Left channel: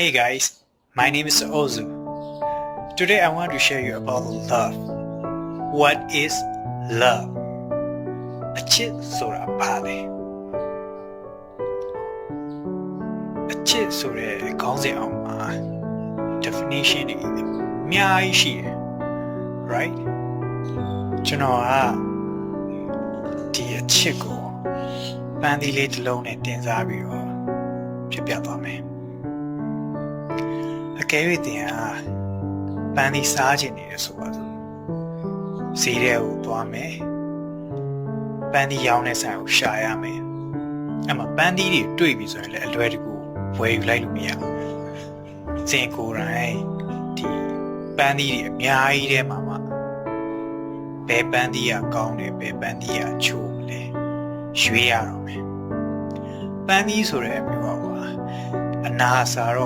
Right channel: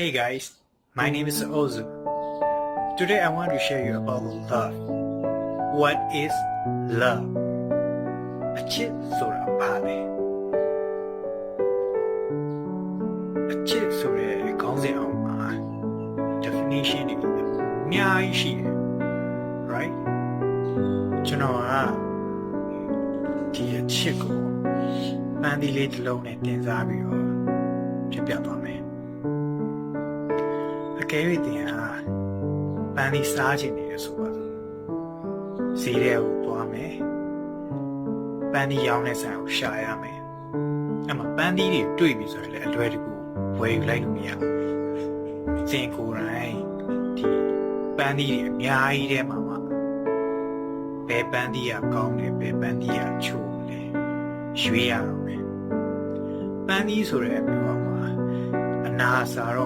Hey guys, my name is Ozu. Today I want to share you about love. What is love? အချစ်ဆိုတာဘာလဲအချစ်ဆိုတဲ့ခေါင်းစဉ်အောင်မှာ definition တွေအများကြီးရှိတယ် right ကျွန်တော်ကဒီအချစ်ကိုပန်းသီးလေးတစ်လုံးနဲ့တင်စားပြီးတော့ဖြစ်ပြသွားမယ်အကယ်၍တင်ဟာပန်းသီးစားခြင်းနေရဆိုပါစို့ဈေးထဲကိုသွားမယ်ပန်းသီးရောင်းတဲ့ဆိုင်ကိုရှာရမယ်အဲ့မှာပန်းသီးတွေတွေ့ပြီဆိုရင်လည်းအလွယ်တကူဝယ်ယူလိုက်လို့မရဘူးစင်ကိုယ်တိုင်ဒီပန်းသီးတွေအများကြီးထဲမှာဘယ်ပန်းသီးကကောင်းတယ်ဘယ်ပန်းသီးကချိုးလဲရွေးရတော့မယ်ပန်းသီးဆိုတဲ့အမျိုးကအနာစာတော့